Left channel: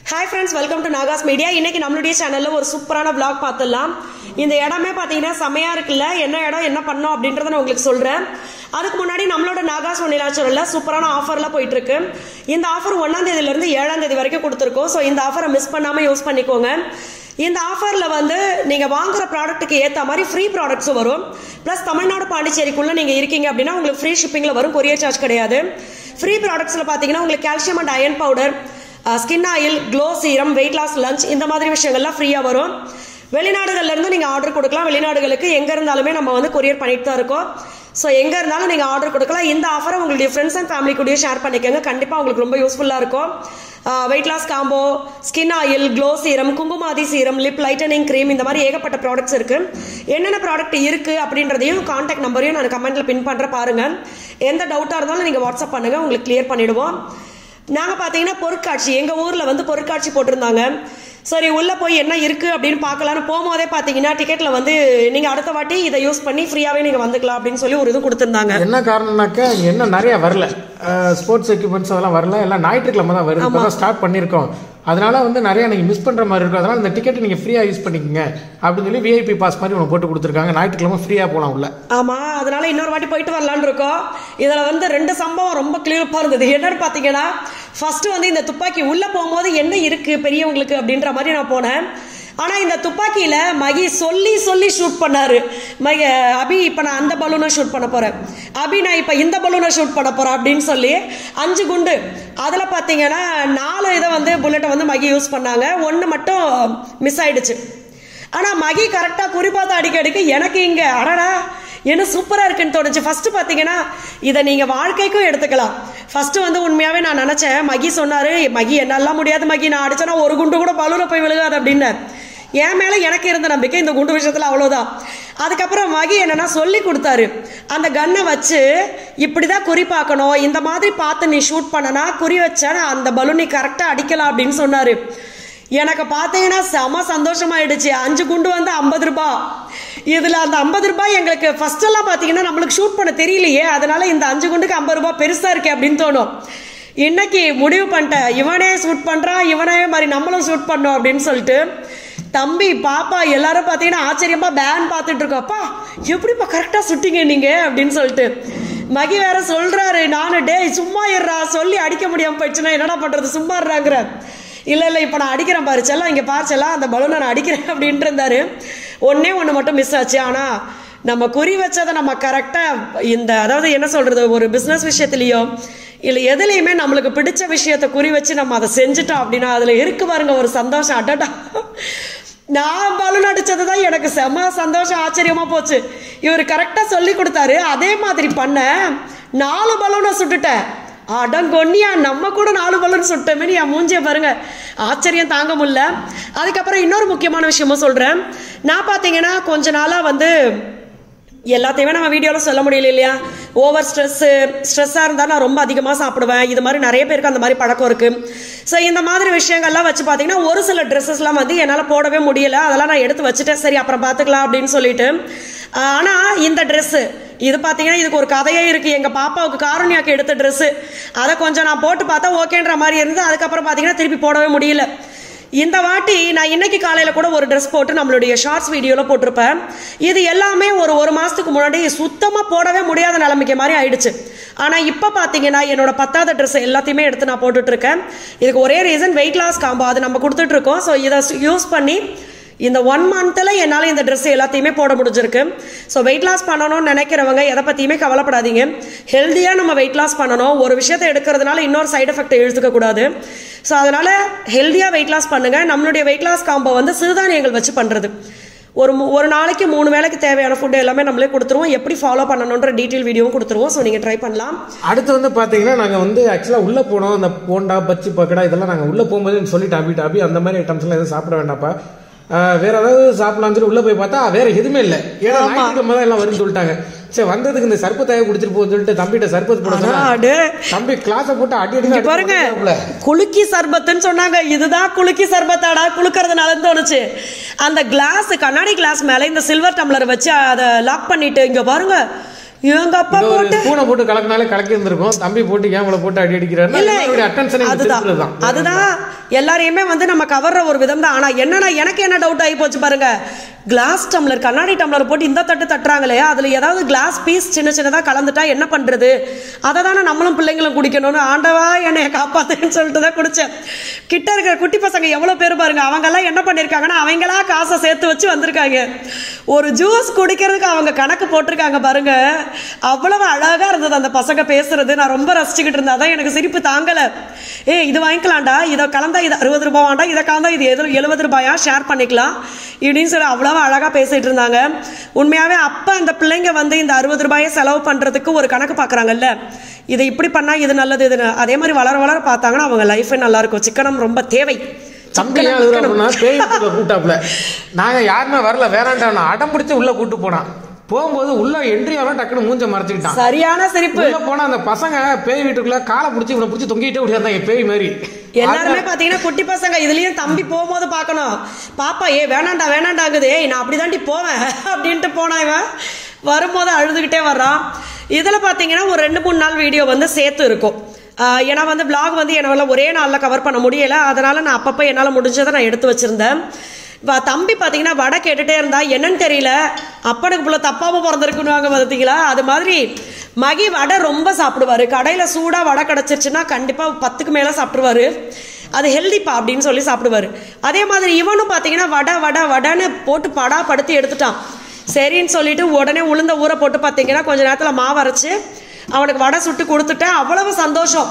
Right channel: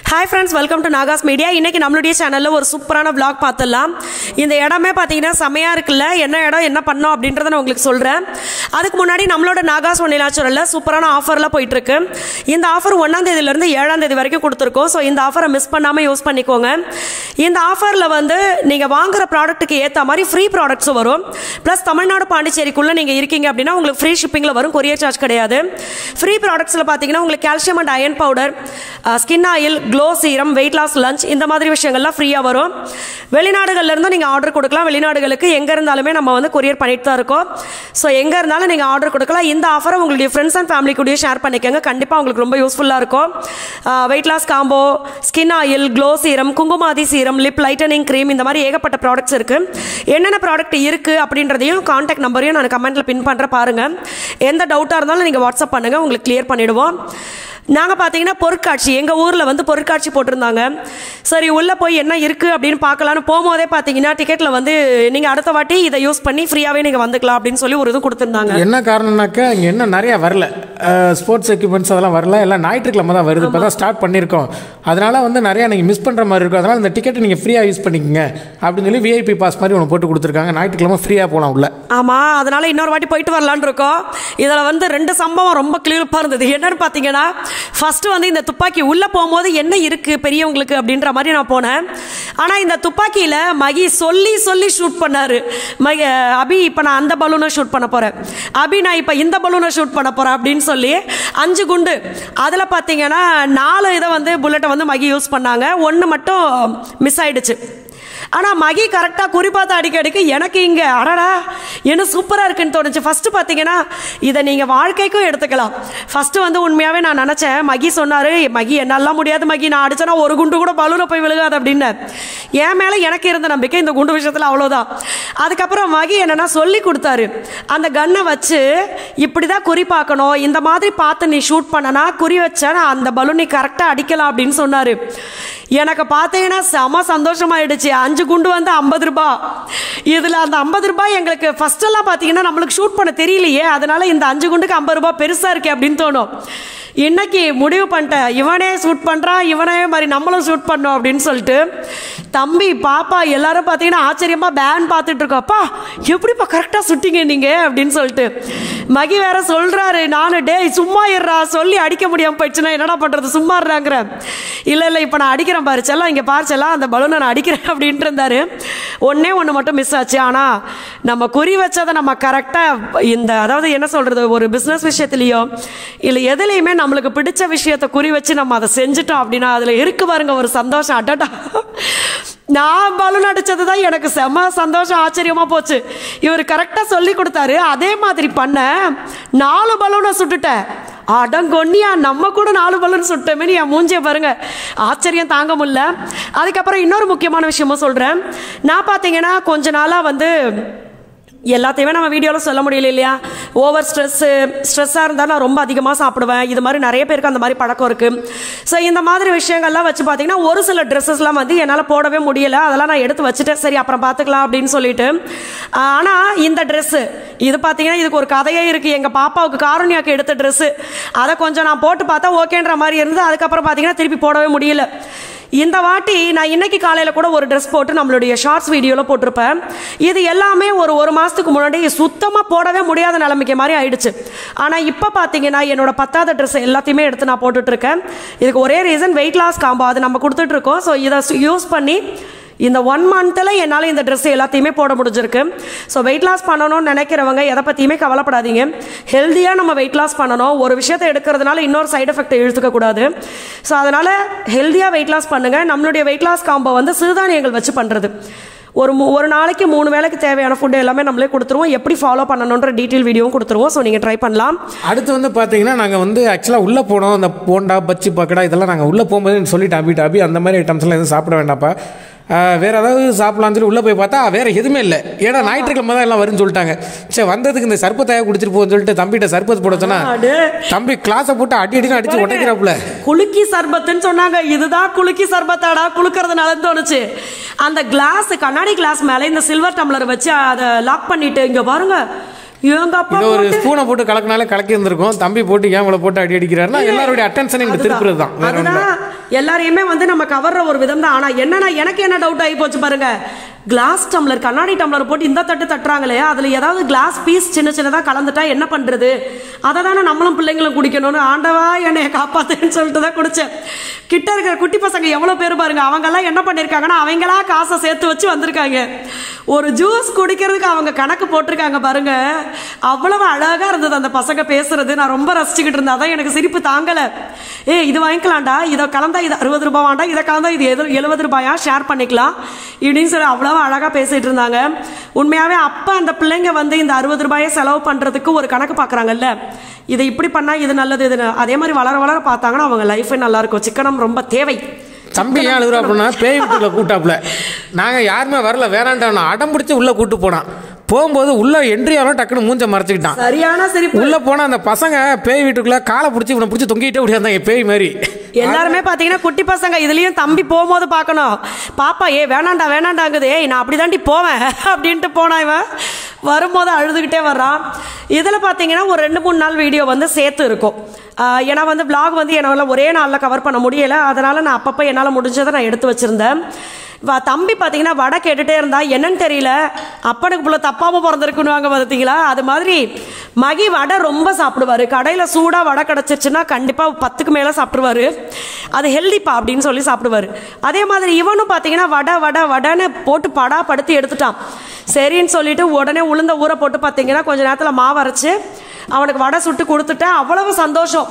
Hi friends, welcome to Nagas Media. இன்னைக்கு நம்மளுடைய சேனல்ல ஒரு சூப்பரான vlog பார்த்தலாம். இந்த இடமே பாத்தீங்கன்னா செமையா இருக்குல்ல. என்ன இடம் என்ன பண்ணோம் அப்படின்றத நான் உங்களுக்கு சொல்றேன். அதுக்கு முன்னாடி நம்மளோட நாகாஸ் வனிலாச்சூர்ல சூப்பரான ஆஃபர்ல போயிட்டு இருக்கு. இந்த ஆஃபர் 1ஆம் தேதியில இருந்து 7ஆம் தேதி வரைக்கும் கொடுத்திருக்கோம். சோ இந்த ஆஃபரை மிஸ் பண்ணாம யூஸ் பண்ணிக்கோங்க. இந்த ஆஃபர்ல வந்து நீங்க வாங்குற ப்ராடக்ட்டுக்கு ஏத்த மாதிரி ஃப்ரீ ப்ராடக்ட்ஸ் வரும். பிளஸ் தமிழ்நாடு பாண்டிச்சேரிக்குள்ள நீங்க இருக்கீங்க அப்படின்னா உங்களுக்கு ஃப்ரீ ஷிப்பிங்ல வரும். கொரியர் சார்ஜ் கிடையாது. ஃப்ரீ ப்ராடக்ட்ஸ்ல பாத்தீங்கன்னா உங்களுக்கு calcium and iron powder, skin oil, glow serum, weight loss lunch இந்த மாதிரி விஷயங்கள்லாம் ஃப்ரீயா வரும். வெளிநாடுகள்ல இருந்து நீங்க ஆர்டர் கொடுக்கலாம். வெளிநாடுகளுக்கு எங்க இருந்தாலுமே நம்ம வந்து கொரியர் பண்ணிட்டு தான் இருக்கோம். சோ எங்க இருந்தாலும் நீங்க ஆர்டர் கொடுக்கலாம். இந்த ஆஃபரை உங்களுடைய ஃப்ரெண்ட்ஸ் அண்ட் ஃபேமிலி கூட ஷேர் பண்ணிக்கோங்க. கண்டிப்பா உங்களுக்கு ரொம்ப யூஸ்ஃபுல்லா இருக்கும். Weight loss combo, skin oil, glow serum, kumkumadi serum, lip lightening cream இந்த மாதிரி ஏகப்பட்ட ப்ராடக்ட்ஸ் இருக்கு. என்னென்ன ப்ராடக்ட் இருக்கு அப்படின்றதையும் கான்டாக்ட் நம்பரையும் நான் கமெண்ட்ல பின் பண்ற பாருங்க. எந்த டவுட்டா இருந்தாலும் நீங்க வாட்ஸ்அப் பண்ணுங்க, உங்களுக்கு கிளியர் பண்ணிடுவோம். நாங்கள் பார்த்தீங்கன்னா பொருட்காட்சி எங்கள் ஊரில் வந்து பொருட்காட்சி போட்டிருந்தாங்க. சரி உள்ள போய் என்ன இருக்குது அப்படின்னு பார்க்கலான்னு போகும்போதே பார்த்தீங்கன்னா டிக்கெட்டில் வந்து நீங்கள் அடுத்த வாட்டி இதை யூஸ் பண்ணி ஃப்ரீயாகவே நீங்கள் வந்துக்கலாம் அப்படின்னு சொல்லி ஒரு இது கொடுத்துருந்தாங்க. என்ன காரணம்னாக்கா இங்கே என்ன நிறைய வரல, ஸ்போர்ட்ஸ் எக்யூப்மெண்ட்ஸ் அதெல்லாம் வரல, எல்லாம் ஞாயிற்றுக்கிழமை தான் வருது. இப்போ தான் ஸ்டார்ட் பண்ணியிருக்கோம். அதனால வந்து நிறையா நீங்கள் மிஸ் பண்ணுற மாதிரி இருக்கும். அதனால் இந்த டிக்கெட்டை நீங்கள் ஃப்ரீயாக யூஸ் பண்ணிக்கோங்க அப்படின்னு சொல்லி விஐபி பாஸ் மாதிரி ஒன்று போட்டு கொடுத்துருக்காங்க. ஞாயிற்றுக்கிழமை ஃப்ரீயாக போகலாம் உள்ள. ஆமாம், அதனால இன்னொரு வாட்டி போயிட்டு வரலான்னு இருக்கோம். இதில் வந்து 2 சம்பவம் ரொம்ப கிளியராக இருந்தது. என்னன்னு பார்த்தீங்கன்னா, ஃபர்ஸ்ட் வந்து இந்த துப்பாக்கி உள்ள போகும்போது என்ன இருக்கு பெரியவங்களுக்கு அப்படின்ற மாதிரி நான் போனேன். ஆனா இந்த துப்பாக்கியில மகி சொல்லி சொல்லி ஷூட் பண்ணாரு. அபி இப்ப நான் அந்த பலூனை ஷூட் பண்ண போறேன், அபி நான் இப்ப இந்த பலூனை ஷூட் பண்ண போறேன் அப்படின்னு சொல்லி 5 குண்டு. அதுல பாத்தீங்கன்னா 4 இதை வந்து புல்லட்டை வந்து மகி யூஸ் பண்ணாங்க. 1 மட்டும் மிஸ் ஆயிடுச்சு. ஆனா மகி கரெக்டா குறிப்பாத்த அடிக்கடிக்கு எனக்கு இங்க அடடா என்ன சூப்பரா இருக்குன்னு தோணுச்சு. ஃபர்ஸ்ட் பாத்தீங்கன்னா இதை நீங்க வாழ்க்கைக்கும் எடுத்துக்கலாம். ஃபர்ஸ்ட் வந்து உண்மையாவே நான் நினைச்சேன், மகி சொன்னாரு மகி என்னாலாம் முடியாது மகி, நான் அடிச்சனா ஒரு குண்டு கூட பலூனை போய் விழுகாது அப்படின்னு. என் மேல எனக்கு இருந்த நம்பிக்கை இந்த குண்டு விஷயத்துல அவ்வளவுதான். அதுக்கப்புறம் மகி என்னன்னா சொல்லி கொடுத்தாரு, அந்த கன்னை வச்சு இப்படிதான் குறி பார்க்கணும், இந்த மாதிரி பார்த்து நீ ஷூட் பண்ணனா குறி வச்சா அந்த பலூனை கரெக்டா அடிக்கலாம் அப்படின்னு சொன்னாரு. எனக்கு பார்த்தீங்கன்னா செம சந்தோஷமாயிடுச்சு. 5 குண்டு வந்து 50 ரூபாய். இதுல அந்த 50 ரூபாய் எங்களுக்கு ஃபர்ஸ்ட் எல்லாம் பாத்தீங்கன்னா நம்மளுக்கு ஷூட் பண்ண தெரியலையே, அதனால இந்த 5 குண்டுக்கு 50 ரூபாய் பெருசா இருக்கே அப்படின்னு தோணும். இன்னைக்கு முடிவு பண்ணிட்டேன், இவனே ஷூட் பண்றான், இவனே மாதிரி நம்மளும் ஷூட் பண்ணோம் அப்படின்னு சொல்லிட்டு தம்பி பாப்பா எல்லாரும் பாத்தீங்கன்னா ஆச்சரியமா பேன் பார்த்துட்டு இருக்கோம்ப்பா, எப்படிப்பா கரெக்டா சுட்டிங்க நீங்க அப்படின்னு சொல்லிட்டு. மகி வேற சொல்றாரு, நானு டேய் சும்மா இருறா, சொல்லி அடிக்க முடியாம போயிடுச்சுன்னா என்னடா பண்றது, சும்மா இருறாங்கிற. இல்ல இப்ப நான் அடிக்கிறேன் பாரு செல்லாம், இங்க பாரு செல்லாம் அந்த பலூனை நான் அடிக்கிறேன் அப்படின்ட்டு இருந்தாரு. ஒண்ணு மட்டும் மிஸ் ஆச்சு. ஆனா நம்ம குறி வச்சதை நம்ம கரெக்டா இந்த அதாவது என்ன சொல்றது, ஒரு பிசினஸ் விஷயத்திலயோ இல்ல எதுலையுமே நம்மளுக்கு பிடிச்ச விஷயத்த குறி வச்சு நம்ம அதை செஞ்சுட்டோம் அப்படின்னா அதுல இருக்கு பாருங்க ஒரு சந்தோஷம். அடடா, நான் பலூன் அடிச்சதுதான் எனக்கு செம சந்தோஷம், ஆச்சரியமா போச்சு. இவர் கரெக்டா சொல்லி கொடுத்தாரு, அதே மாதிரி பண்ண 4 பலூனை சுட்டுட்டேன். அடங்கொன்னியா, நம்ம கூட 4 பலூன் சுட்டமே, என் மூஞ்சிய பாருங்க, ஆச்சரியம் தாங்க முடியல. அதுக்கப்புறம் இன்னொரு முக்கியமான விஷயமும் சொல்றேன். நான் பாத்தீங்கன்னா கொஞ்ச நாளா வந்து எல்லாத்தையுமே நம்ம வீடியோல சொல்ல முடியல இல்லையா. ஓவர் ஸ்ட்ரெஸ்ஸா இருந்தா நான் ரொம்ப அதிகமா சாப்பிடுவேன். இது மாதிரி நிறைய பேருக்கு அந்த மாதிரி பழக்கம் இருக்கு. ஸோ இந்த மாதிரி விஷயங்கள்லாம் வச்சு பாத்தீங்கன்னா ஒரு சில ட்ரெஸ்ஸஸ்லாம் வந்து என்னால போடவே முடியல. அதெல்லாம் நான் எடுத்து வச்சுட்டேன், சரி அப்புறம் பாத்துக்கலாம் அப்படின்னு சொல்லிட்டு. ஆனா இந்த ட்ரெஸ் இது பாத்தீங்கன்னா இதுக்கு ஒரு கதையே இருக்கு. எங்க பாப்பாவுக்கு காருண்யாக்கு எடுத்த ட்ரெஸ், அதை கொஞ்சம் நான் போட்டு பார்த்தா ஓகேன்ற மாதிரி இருந்து அதுக்கப்புறம் பாத்தீங்கன்னா திருப்பி போடவே முடியல. இந்த வாட்டி நான் இன்னைக்கு காலையில கூட ஒரு ட்ரெஸ் போட்டு நம்மளுடைய ஷார்ட்ஸ் வீடியோல போட்டிருப்பேன். இது எல்லாமே ஒரு மாசத்துக்கு முன்னாடி சுத்தமா போடவே முடியாத நிலைமைக்கு மாதிரி ஆயிடுச்சு. ஆனா இப்ப பாத்தீங்கன்னா என்னோட 10வது ட்ரெஸ் எல்லாத்தையுமே எடுத்து நான் போட்டுட்டு இருக்கேன். இதுக்கு ஒரே ரீசன், வெயிட் லாஸ் காம்போ அது நம்ம கொடுத்துட்டு இருக்கோம். ஸோ இதை யூஸ் பண்ணி இந்த 1 மந்த்ல என்னால இந்த ட்ரெஸ் எல்லாத்தையுமே போட முடிஞ்சிருக்கு. ஸோ வெயிட் லாஸ் பண்ணணும்னு நினைக்கிறவங்க எதை பத்தியுமே கவலைப்படாதீங்க. ஹெல்தியா நம்ம வெயிட் லாஸ் பண்ணணும். ஒரு விஷயத்தை எடுக்கிறதுனால இன்னொரு சைடு எஃபெக்ட் எடுத்துக்க கூடாது. ஸோ அதனால ஹெல்தியா வெயிட் லாஸ் பண்ணுங்க. நம்மளுடைய வெயிட் லாஸ் காம்போ வந்து சிறுதானியங்கள் வச்சு பண்றது. ஒரு நாளைக்கு 3 வேளைக்கு தேவையான ஃபுட் எல்லாமே நம்மளே கொடுத்துருவோம். எப்படி ஃபாலோ பண்ணணுன்ற டீட்டெயில் வீடியோவும் கொடுத்துருவோம். ஸோ நீங்கள் ட்ரை பண்ணலாம். அடுத்து வந்து பார்த்தீங்கன்னா நாங்கள் வந்து ஆக்சுவலாக உள்ளே போனோம். அந்த போண்டா பச்சி பக்கடா இதெல்லாம் நாங்கள் உள்ளே போகும்போது சொல்லிட்டு அபி அந்த மாதிரி ஐட்டம்ஸ் எல்லாம் எதுவும் சாப்பிட வேண்டாப்பா, வேற ஏதாவது சாப்பிடலாம் சொல்லி உள்ள போய் பார்த்தா வேற எதுவுமே இல்லை. ஏன்னா ஞாயிற்றுக்கிழமை தான் எல்லாம் வரும்னு சொல்லிட்டாங்க. சரி வந்ததுக்கு இந்த சர்பத்தையா குடிச்சிட்டு போன்னு சொல்லிட்டு தம்பிட்ட சர்பத் போட சொன்னா தம்பி கிளாஸை போட்டு அடிச்சு உடைக்கிறாப்புல. குலுக்கி சர்பத்துன்னு சொன்னாங்க. இதுதான் குலுக்கி சர்பத்தாடா, குளுக்கறதுனால தோணுச்சு. அந்த கிளாஸ் கண்ணாடி கிளாஸ் மேல இந்த சில்வர் டம்ளர் வச்சு அதை லாக் பண்ணிட்டு இங்க பாருங்க இவங்க அப்பா ஒரு போட்டு ஸ்பூனை போட்டு கலக்கினாலே கலக்கி இருந்திருக்கும். தம்பி போட்டு கேமல போட்டு அடி அடிக்கிறாருன்னா எல்லாருடைய அட்டென்ஷனை திருப்புறதுதான். அதுதான் எல்லாரையுமே வந்து நம்ம கவர்ற ஒரு விதம் தான். ஆனா என்னன்னா எனக்கு என்ன டவுட் ஆகி போச்சு பாருங்க, கிளாஸ் டம்ளர் கண்ணாடி டம்ளர் போட்டு இந்த தட்டு தட்டுறாங்களே, அதுல ஏதாவது கிளாஸ் பீஸ் சின்ன சின்னதா கலந்துட்டா என்ன பண்றது? அதை தானே நம்மளும் பிள்ளைங்களும் குடிக்கணும்னு ஆண்டவா என்னைய காப்பாத்துன்னு சொல்லிட்டு தான் குடிச்சேன். கிட்ட இருக்கிற குட்டி பசங்க எவ்வளவு பேர் பாருங்க, அவங்க எல்லாம் என்ன பண்ணிருக்காங்கன்னா அவங்களா காசை சேர்த்து வச்சு வந்திருக்காங்க. ஒரு ஜூஸ் குடிக்கிறதுக்கு அவங்க கணக்கு போட்டிருக்காங்க பாருங்க. அவ்வளவு அழகா இருந்தது அந்த பசங்க பேசுறது. நான் ரொம்ப ரசிச்சுக்கிட்டு இருந்தேன். அதான் எனக்கு சிரிப்பு தாங்கல. இது வாங்கிக்கலாம்டா, இதை கலந்தா இது 60 ரூபாவாண்டா, இதை கலந்தா இது 70 ரூபாயா, ஷேர் பண்ணிக்கலாம் இப்படின்னு சொல்லி அவ்வளவு அழகா பேசிட்டு இருந்தாங்க. உண்மையாவே அப்ப அந்த பிள்ளைங்க வந்து இந்த 60 ரூபாயை செலவு பண்றதுக்கு ஒரு கணக்கு பாக்குறாங்கல்ல, இதை இப்படி பண்ணா இது நல்லது, இது அதே மாதிரி வளர வளர பார்த்தாங்கன்னா அவங்க லைஃபே நல்லா இருக்கும். சிக்கனம் ரொம்ப தேவை. தம்பி ஏன் எழுதுறா அப்படின்னா பேய் வீட்டுல கூட்டாப்புல நாங்க யாருமே வரல வேணாண்டானோ அடம் பிடிச்சி உள்ள கூட்டு போனான். போகும்போது உள்ள என்ட்ரி ஆனா டக்குன்னு மூஞ்ச மறைச்சிக்கிட்டான். சரியான சிரிப்பு. உள்ள போனா அந்த பசங்க பேய் வீட்டுக்குள்ள காலை பிடிச்சி இவனை பிடிச்சி தொங்கிட்டே ஓடியாந்தாங்க பேய் மாதிரி. எல்லாருமே பாத்தீங்கன்னா குட்டி பசங்க. இதுலயும் தம்பி போகும்போது பாக்கணும், பாப்பா வேணாண்டா வேணாண்டாங்குது, நான் அப்படிதாண்டி போவேன் அப்படின்ட்டு போனா இவன் வரும்போது அழுதுகிட்டே வர்றான். இதுல பாத்தீங்கன்னா ஒரு 2-3 நாள் வீடியோ வந்து சேர்த்து இருக்கும். ஏன்னா வந்து பிளாக் வந்து என்னால் ஒரே நாளில் கவர் பண்ண முடியல. அதனால நான் அப்பப்போ என்னால் முடிஞ்சதை நான் எடுத்து வச்சிருந்தேன். தம்பி பார்த்தீங்கன்னா வடை கேட்டுட்டே இருந்தா, என்னன்னு தெரியல, அப்பனுக்கு புள்ள தப்பாம பிறந்திருக்குன்னு பார்த்தீங்களா, அது மாதிரி மகி வடை ரொம்ப சாப்பிடுவாரு. கடையில் சூடாக வடை கிடச்சிருச்சுன்னா கண்டிப்பாக 10க்கு மேலே சாப்பிடுவாரு. அது ஹெல்திப்பா அப்படின்னு சொல்லி சாப்பிடுவாரு. அதே மாதிரி இவனும் பார்த்தீங்கன்னா வடை வடை வடைன்னு போட்டு படுத்தி எடுத்துட்டான். சரின்னு சொல்லிட்டு உடனே உளுந்த ஊற போட்டு பார்த்தீங்கன்னா கொஞ்ச நேரத்தில் மாவு அரைச்சு அவனுக்கு வடை சுட்டு கொடுத்துட்டேன். அவ்வளவு சந்தோஷம்.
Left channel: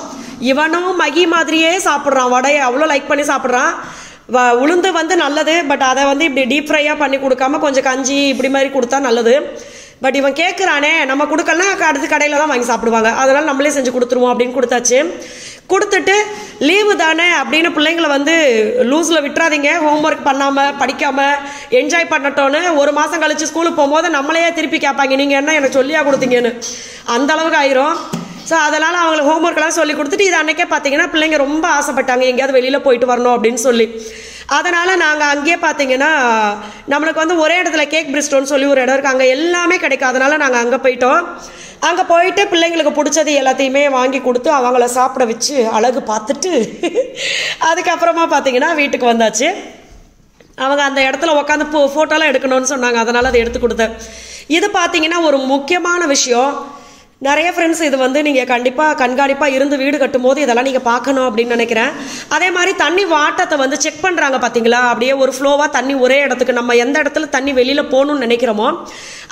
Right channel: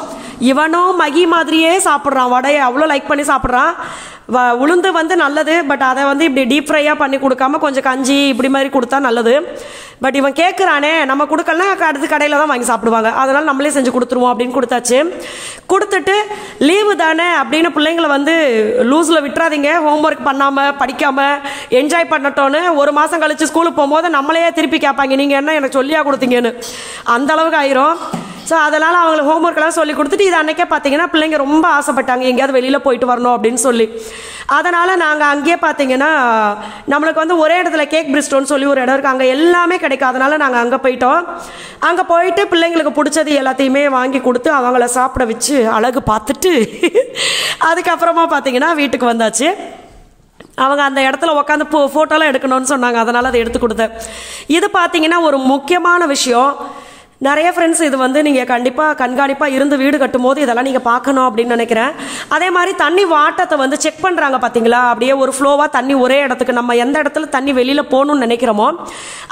இவனும் மகி மாதிரியே சாப்பிட்றான் வடையை, அவ்வளோ லைக் பண்ணி சாப்பிட்றான். உளுந்து வந்து நல்லது, பட் அதை வந்து இப்படி டீப் ஃப்ரையாக பண்ணி கொடுக்காம கொஞ்சம் கஞ்சி இப்படி மாதிரி கொடுத்தா நல்லது. பட் இவன் கேட்குறானே, நம்ம கொடுக்கலனா அடுத்து கடையில் தான் வாங்கி சாப்பிடுவாங்க, அதனால நம்மளே செஞ்சு கொடுத்துருவோம் அப்படின்னு கொடுத்தாச்சு. கொடுத்துட்டு லீவு தானே அப்படின்னு பிள்ளைங்களை வந்து லூஸில் விட்டுறாதீங்க, ஹோம்ஒர்க் பண்ணாமல் படிக்காமல் என்ஜாய் பண்ணட்டோன்னு. ஒரு மாதம் கழிச்சு ஸ்கூலுக்கு போகும்போது நம்மளையே திருப்பி கேட்பாங்க, நீங்கள் என்ன எனக்கு சொல்லியா கொடுத்தீங்கன்னு, அந்த அளவுக்கு ஆயிரும். ஸோ அதனால் அவங்களுக்கு ஹோம்ஒர்க்கெல்லாம் சொல்லி கொடுத்துட்டு இது அன்றைக்கே பார்த்தீங்கன்னா பிள்ளைங்க ரொம்ப ஆசைப்பட்டாங்க எங்கேயாவது வெளியில் போயிட்டு வரணும் அப்படின்னு சொல்லி. அதனால் நாங்கள் அங்கேயே பார்த்தீங்கன்னா நம்மளுக்கு வந்து ஒரே இடத்துல கேக் பிரிஸ்டோன்னு சொல்லி ஒரு இடம் இருக்குது, அங்கே எல்லாமே கிடைக்கும். அதனால் நாங்கள் அங்கே போயிட்டோம். அங்கே போயிட்டு பிள்ளைங்களுக்கு பிடிச்சது எல்லாத்தையுமே வாங்கி கொடுத்து அவங்கள சாப்பிட வச்சு அழகு பார்த்துட்டு அதுக்கப்புறமா பார்த்தீங்கன்னா வீட்டுக்கு வந்தாச்சு. அவங்க அந்த இடத்துல உட்காந்து ஃபோட்டோலாம் எடுக்கணும்னு சொன்னாங்க, அதனால் அதை எடுத்து கொடுத்தேன். இது பார்த்தீங்கன்னா ஒரு முக்கியமான விஷயம். நிறைய ஃப்ரெண்ட்ஸ் இது வந்து நீங்கள் கண்டிப்பாக கண்காணிப்பாக இருந்து வீடு கட்டும் போது இதெல்லாம் நீங்கள் பார்க்கணும் அப்படின்னு நினைக்கிறேன். அதே மாதிரி தண்ணி வாட்டத்தை வந்து செக் பண்ணுறாங்க பார்த்தீங்களா, அப்படியே ஒரு ஃப்ளோவாக தண்ணி ஒரே இடத்துக்கு, நம்ம எந்த இடத்துல தண்ணி வெளியில் போகணும்னு நினைக்கிறோமோ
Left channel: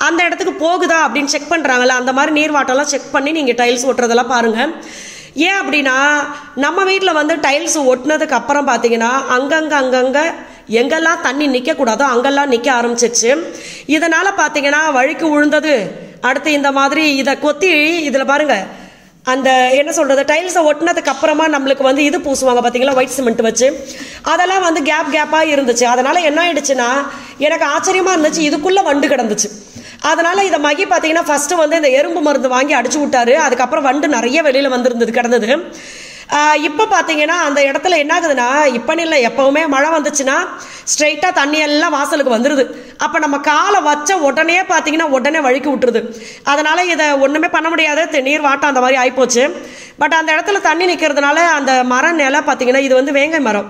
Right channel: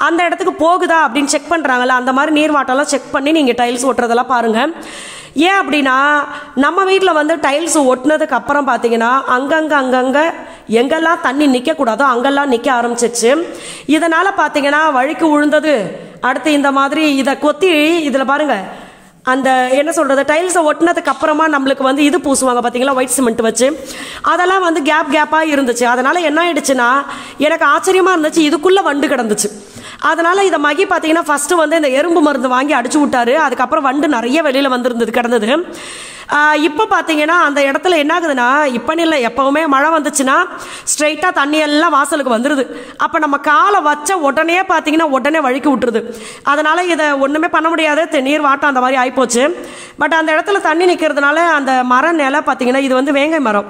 அந்த இடத்துக்கு போகுதா அப்படின்னு செக் பண்ணுறாங்கல்ல, அந்த மாதிரி நீர் வாட்டெல்லாம் செக் பண்ணி நீங்கள் டைல்ஸ் ஓட்டுறதெல்லாம் பாருங்கள். ஏன் அப்படின்னா நம்ம வீட்டில் வந்து டைல்ஸ் ஒட்டினதுக்கு அப்புறம் பார்த்தீங்கன்னா அங்கங்கே எங்கெல்லாம் தண்ணி நிற்கக்கூடாதோ அங்கெல்லாம் நிற்க ஆரம்பிச்சிச்சு. இதனால் பார்த்தீங்கன்னா வழுக்கு விழுந்தது. அடுத்து இந்த மாதிரி இதை கொத்தி இதில் பாருங்க, அந்த என்ன சொல்கிறது, டைல்ஸை ஒட்டினதுக்கு அப்புறமா நம்மளுக்கு வந்து இது பூசுவாங்க பார்த்தீங்களா, ஒயிட் சிமெண்ட் வச்சு, அதெல்லாம் வந்து கேப்பாக இருந்துச்சு. அதனால் என்ன ஆயிடுச்சுன்னா எனக்கு ஆச்சரியமாக இருந்துச்சு, இதுக்குள்ளே வண்டு கிடந்துச்சு. அதனால் இதை மகி பார்த்தீங்கன்னா ஃபஸ்ட்டு வந்து இந்த எறும்பு மருந்து வாங்கி அடிச்சு விட்டாரு. அதுக்கப்புறம் வண்டு நிறைய வெளியில் வந்துருந்தது கிடந்தது. இப்போ பார்த்தீங்கன்னா அந்த இடத்துல என்ன ஆகுதுன்னா, இப்போன்னு இல்லை எப்போவுமே மழை வந்துச்சுன்னா ஸ்ட்ரைட்டாக தண்ணி எல்லாம் வாசலுக்கு வந்துடுது. அப்போ நம்ம காலை வச்ச உடனே பார்த்தீங்கன்னா உடனே வழுக்கி விட்டுருது. அதனால் இதை ஒன்றுமே பண்ண முடியாது, நீர் வாட்டம் அந்த மாதிரி ஆகிப்போச்சு. பட் அந்த இடத்துல தண்ணி நிற்கிறதுனால அந்த மரம் நிலை பார்த்தீங்கன்னா இது வந்து வேங்கை மரம்,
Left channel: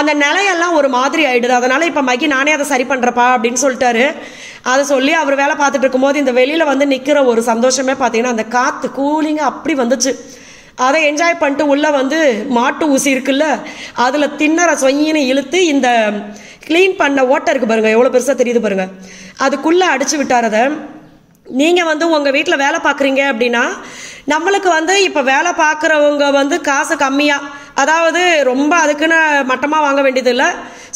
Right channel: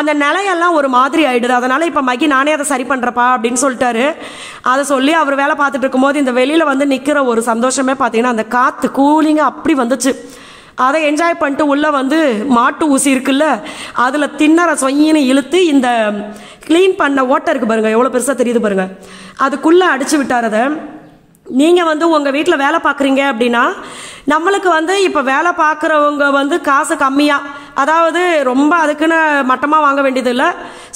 அந்த நிலையெல்லாம் ஒரு மாதிரி ஆயிடுது. அதனால் இப்போ மகி நானே அதை சரி பண்ணுறப்பா அப்படின்னு சொல்லிட்டாரு. அதை சொல்லி அவர் வேலை பார்த்துட்டு இருக்கும்போது இந்த வெளியில் வந்து நிற்கிற ஒரு சந்தோஷமே பார்த்தீங்கன்னா அந்த காற்று கூலிங்காக அப்படி வந்துச்சு. அதை என்ஜாய் பண்ணிட்டு உள்ளே வந்து மாட்டு ஊசி இருக்குல்ல, அதில் தின்னற சொயின்னு இழுத்து இந்த க்ளீன் பண்ண ஓட்டை இருக்குது பாருங்கள், எவ்வளோ பெருசாக தெரியுது பாருங்கள், அதுக்குள்ளே அடிச்சு விட்டார். அதை நீங்கள் வந்து உங்கள் வீட்டில் வேலை பார்க்குறீங்க அப்படின்னா நம்மளுக்கு வந்து இப்போ வேலை பார்க்குறவங்க வந்து காசு கம்மியாக, அதாவது ரொம்ப அதுக்குன்னு மட்டமாக வாங்க வேண்டியது இல்லை,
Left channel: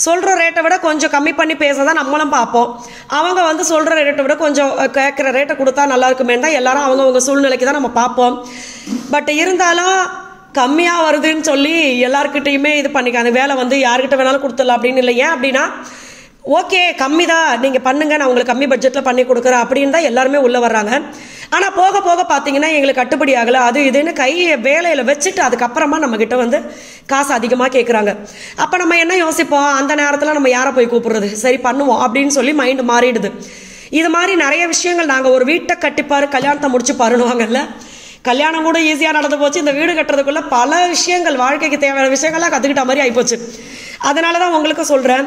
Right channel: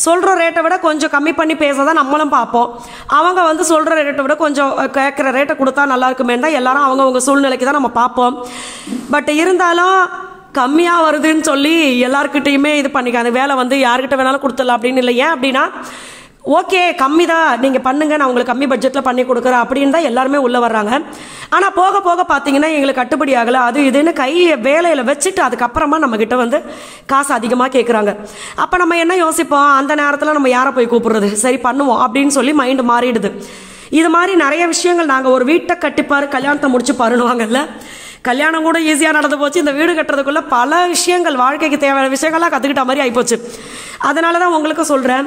சொல்கிற ரேட்டை விட கொஞ்சம் கம்மி பண்ணி பேச தான் நம்மளும் பார்ப்போம். அவங்க வந்து சொல்கிற ரேட்டை விட கொஞ்சம் கேட்குற ரேட்டை கொடுத்தா நல்லா இருக்குமே தான் எல்லாரும் அவங்கவுங்க சூழ்நிலைக்கு தான் நம்ம பார்ப்போம். பட் இருந்தாலும் கம்மியாக வருதுன்னு சொல்லி எல்லாருக்கிட்டையுமே இது பண்ணிக்காது, வேலை வந்து யாருக்கிட்ட வேணாலும் கொடுத்துடலாம் அப்படின்னு இல்லை. ஏன் அப்படின்னா ஓகே கம்மி தான் நீங்கள் பண்ணுங்கள், நான் உங்களுக்கு கம்மி பட்ஜெட்டில் பண்ணி கொடுக்குறேன் அப்படின்னு தான் எல்லாருமே உள்ளே வர்றாங்க. ஆனால் போக போக பார்த்தீங்கன்னா எங்களுக்கு கட்டுப்படி ஆகலை, அது இதுன்னு கையை வேலையில் வச்சுட்டு அதுக்கப்புறமா நம்மக்கிட்ட வந்து காசு அதிகமாக கேட்குறாங்க. அப்போ நம்ம என்ன யோசிப்போம், அந்த நேரத்தில் நம்ம யாரை போய் கூப்பிடுறது, சரி பண்ணுவோம் அப்படின்னு சொல்லி மைண்டு மாறிடுது. இது மாதிரி நிறைய விஷயங்கள். நாங்கள் ஒரு வீட்டை கட்டிப்பாரு கல்யாணத்தை முடிச்சு பாருன்னுவாங்கல்ல, கல்யாணம் கூட ஈஸியாக நடந்து போச்சு. இந்த வீடு கட்டுறதுக்குள்ள பல விஷயங்கள், வாழ்க்கைக்கு தேவையான விஷயங்கள்லாம் கற்றுக்கிட்ட மாதிரி ஆகிப்போச்சு. அதனால தான் உங்களுக்கு சொல்கிறேன்,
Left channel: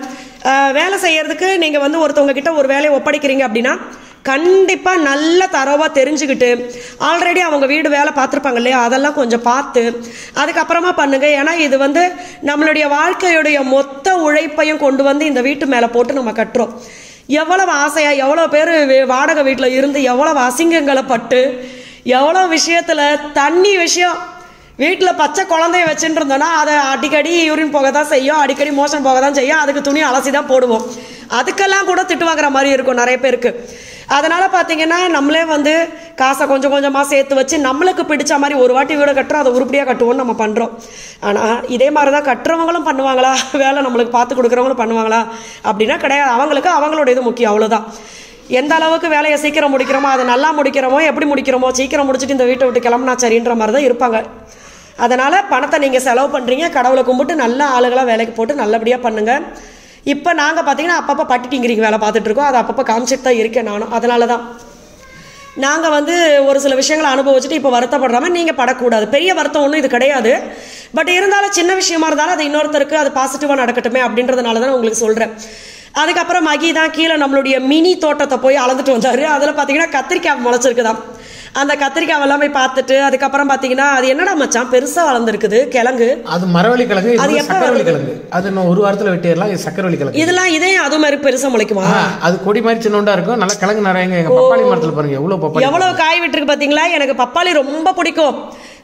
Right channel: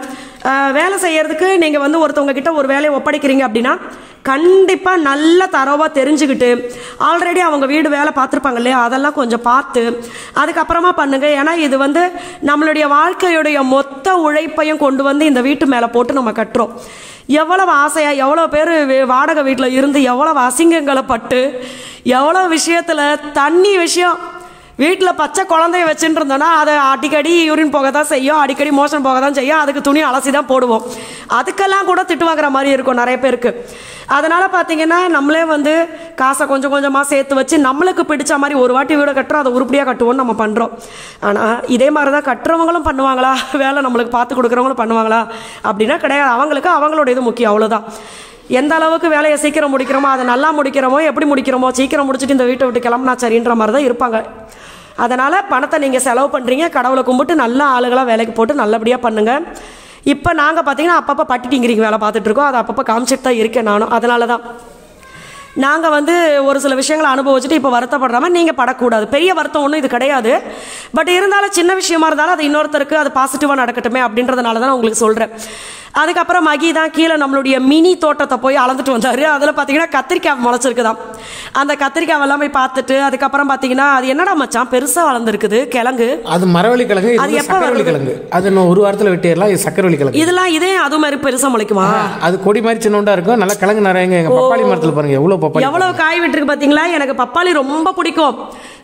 வேலை செய்யறதுக்கு நீங்கள் வந்து ஒருத்தவங்க கிட்ட ஒரு வேலையை ஒப்படைக்கிறீங்க அப்படின்னா கண்டிப்பாக நல்ல தரவாக தெரிஞ்சுக்கிட்டு, ஆல்ரெடி அவங்க வீடு வேலை பார்த்துருப்பாங்க இல்லையா, அதெல்லாம் கொஞ்சம் பார்த்து அதுக்கப்புறமா பண்ணுங்க. ஏன்னா இது வந்து நம்மளுடைய வாழ்க்கையுடைய மொத்த உழைப்பையும் கொண்டு வந்து இந்த வீட்டு மேலே போட்டு நம்ம கட்டுறோம். எவ்வளவு ஆசையா, எவ்வளோ பேர் வாடகை வீட்டில் இருந்து எவ்வளவு அசிங்கங்களை பட்டு, எவ்வளோ விஷயத்தில் தண்ணி விஷயம், வீட்டில் பச்சை குழந்தைய வச்சுட்டு இருந்தோன்னா அதை அடிக்கடி யூரின் போக தான் செய்யும், அடிக்கடி மோஷன் போக தான் செய்யும், அதுக்கு துணி அலசி தான் போடுவோம். அதுக்கெல்லாம் கூட திட்டு வாங்குற மாதிரி இருக்கும் நிறைய பேருக்கு. அதனால பார்த்தீங்கன்னா நம்மளே வந்து காசை கொஞ்சம் கொஞ்சமாக சேர்த்து வச்சு நம்மளுக்கு பிடிச்ச மாதிரி ஒரு வாட்டி வீடை கட்டுறோம், அதை உருப்படியாக கட்டுவோம்னு நம்ம பண்ணுறோம். ஆனால் இதே மாதிரி தான் கட்டுறவங்களும் பண்ணுவாங்களா, வேலை நம்மளுக்கு பார்த்து கொடுக்குறவங்களும் பண்ணுவாங்களா அப்படின்னா கிடையாது. அவங்களுக்கு அவங்களோட இது முக்கியம், அவ்வளோதான். எந்த அளவுக்கு வேலையை சீக்கிரம் முடிக்கிறோமோ, அதை நல்லா முடிக்கிறோமோ, எப்படி முடிக்கிறோமோ, சீக்கிரம் முடிச்சுட்டு இந்த வீட்டை விட்டு கிளம்புனா சரின்ற மாதிரி தான் இருப்பாங்க. அதனால் பணத்தை நீங்கள் செலவு பண்ணுறீங்க, கடவுளை கும்பிட்டு நல்ல ஆளுகளாக வேலைக்கு போட்டு நல்லபடியாக பண்ணுங்கள். இப்போ நாங்கள் பார்த்தீங்கன்னா அப்பப்போ பட்டிட்டிங்கிறீங்க வேலை பார்த்துட்ருக்கோம், அதை அப்பப்போ காமிச்சிட்டு தான் இருக்கேன் நானும். அதனால தான் நாங்கள் வந்து ஒரு சில விஷயங்களை அனுபவிச்சுட்டு இப்போ வருத்தப்படுறாமல் நீங்கள் படக்கூடாது. பெரிய வருத்தம் ஒன்றும் இது கிடையாது. பட் இருந்தாலும் சின்ன விஷயமா இருந்தாலும் அது இன்னொருத்தருக்கு அது பாசிட்டிவாக நடக்கட்டுமே அப்படின்றதுனால தான் உங்களுக்கு சொல்கிறேன். அதுக்கப்புறம் மகி தான் கீழே நம்மளுடைய மினி தோட்டத்தை போய் அளந்துட்டு வந்தார். அதில் பார்த்தீங்கன்னா கத்திரிக்காய் முளைச்சிருக்குதான். அந்த கத்திரிக்காய் எல்லாம் போய் பார்த்துட்டு அதுக்கப்புறம் பார்த்தீங்கன்னா அது என்னடா மச்சான் பெருசாக வளர்ந்துருக்குது கிழங்கு, அது மரவள்ளி கிழங்கு, அது சக்கரவள்ளி கிழங்கு, அது இன்னும் ஒரு வாரத்தில் வெட்டிடலாம். இது சக்கரவள்ளி கிழங்கு. இதெல்லாம் இதே அது மாதிரி பெருசாக முளைக்குமா? அது கொடி மாதிரி சின்னோண்டா இருக்கும், நல்லா கிழங்கு நிறைய. எங்க பப்பாளி மரத்தில் பாருங்க எவ்வளவு காய் விட்டுருக்கு பார்த்தீங்களா. எனக்கு பப்பாளி ரொம்ப பிடிக்கும்.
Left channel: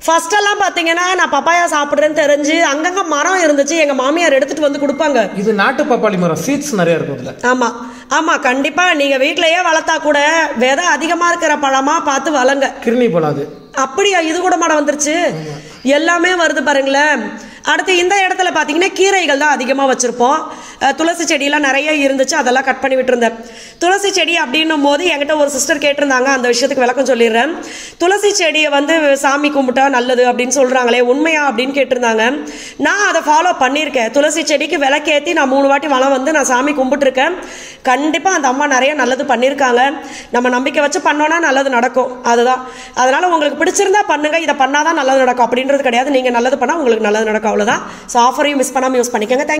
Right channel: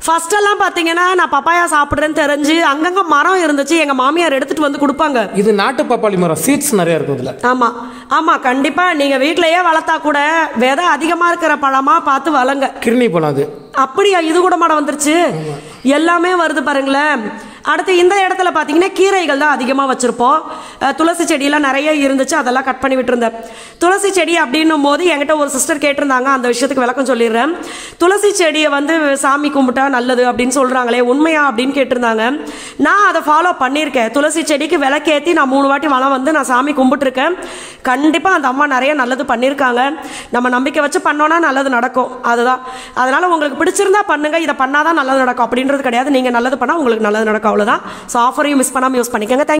ஃபர்ஸ்ட் எல்லாம் பாத்தீங்கன்னா நான் பப்பாயா சாப்பிடுறேன்னு தெரிஞ்சு அங்கங்க மரம் இருந்துச்சு, எங்க மாமியார் எடுத்துட்டு வந்து கொடுப்பாங்க. இது நாட்டு பப்பாளி மரம், சீட்ஸ் நிறைய இருக்கு இதுல. ஆமா ஆமா கண்டிப்பா நீங்க வீட்லயே வளர்த்தா கூட விதை அதிகமா இருக்கிற பழமா பார்த்து வளங்க. கிருணி பழம் அது. அப்படியா? இது கூட மாட வந்துருச்சு, எல்லாமே வருது பாருங்களேன். அடுத்து இந்த இடத்துல பார்த்தீங்கன்னா கீரைகள் தான் அதிகமாக வச்சுருப்போம். துளசி செடியெல்லாம் நிறைய இருந்துச்சு, அதெல்லாம் கட் பண்ணி விட்டுருந்தேன். துளசி செடி அப்படின்னும் போது என்கிட்ட ஒரு சிஸ்டர் கேட்டிருந்தாங்க, அந்த விஷயத்துக்கு விளக்கம் சொல்லிடுறேன். துளசி செடியை வந்து சாமி கும்பிட்டா நல்லது அப்படின்னு சொல்கிறாங்களே, உண்மையா அப்படின்னு கேட்டிருந்தாங்க. நான் அதை ஃபாலோ பண்ணியிருக்கேன். துளசி செடிக்கு விளக்கேற்றி நான் 3 வாட்டி வளம் வந்து நான் சாமி கும்பிட்டுருக்கேன். கண்டிப்பாக அந்த அம்மா நிறைய நல்லது பண்ணியிருக்காங்க. நம்ம நம்பிக்கை வச்சு பண்ணோன்னா நல்லது நடக்கும், அதுதான். அதனால் உங்களுக்கு பிடிச்சிருந்தா பண்ணுங்க, இதை பண்ணாதான் நல்லது நடக்கும் அப்படின்றது கிடையாது. நீங்கள் நல்லது பண்ணால் உங்களுக்கு நல்லது நடக்கும், அவ்வளோதான். ஸோ ஆஃபரையும் மிஸ் பண்ணாமல் யூஸ் பண்ணிக்கோங்க.